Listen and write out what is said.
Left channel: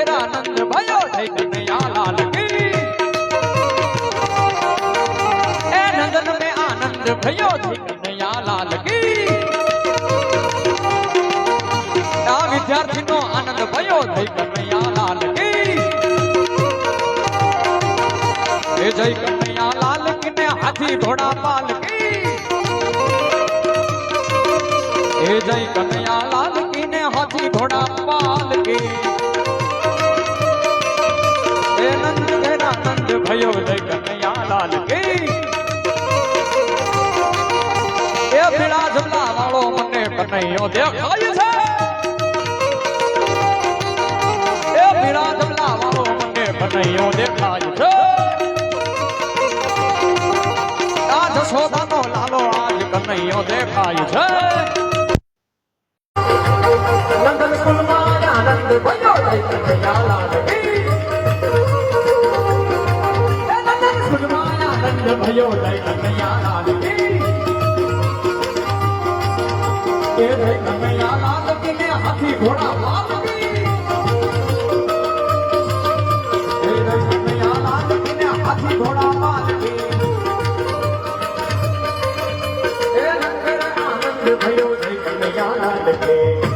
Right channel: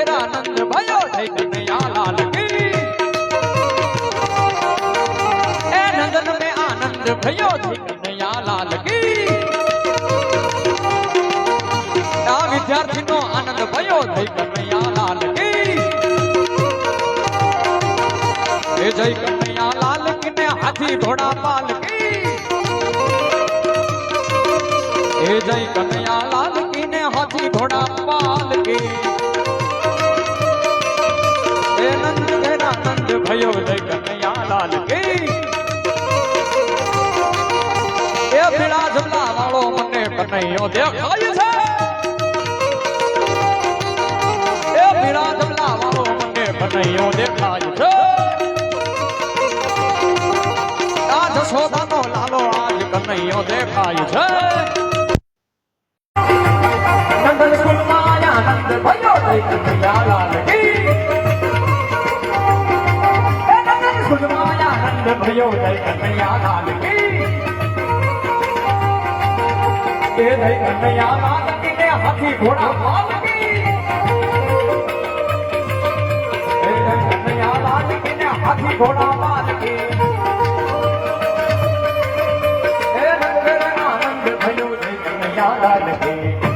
ઘેરા નંદ ભયો જય કનૈયા લાલ કી એ નંદન में आनंद भयो जय कनैया लाल की આ વિદ્યાર્થીનો આનંદ ભયો જય કનૈયા લાલ કી એ જય કનૈયા લાલ કી ને હાથી ઘોડા પાલ કી એ જય કનૈયા લાલ કી ને હાથી ઘોડા પાલ કી એ નંદ ઘેરા નંદ ભયો જય કનૈયા લાલ કી એ પીળા જમલા વાળો મને કનૈયો દેખાય છે એ પીળા જમલા વાળો મને કનૈયો દેખાય છે આ જશોદાનો લાલો આજ કનૈયો દેખાય છે ભયો જય કનૈયા લાલ કી એ જય કનૈયા લાલ કી ને હાથી ઘોડા પાલ કી એ જય કનૈયા લાલ કી ને હાથી ઘોડા પાલ કી એ જય કનૈયા લાલ કી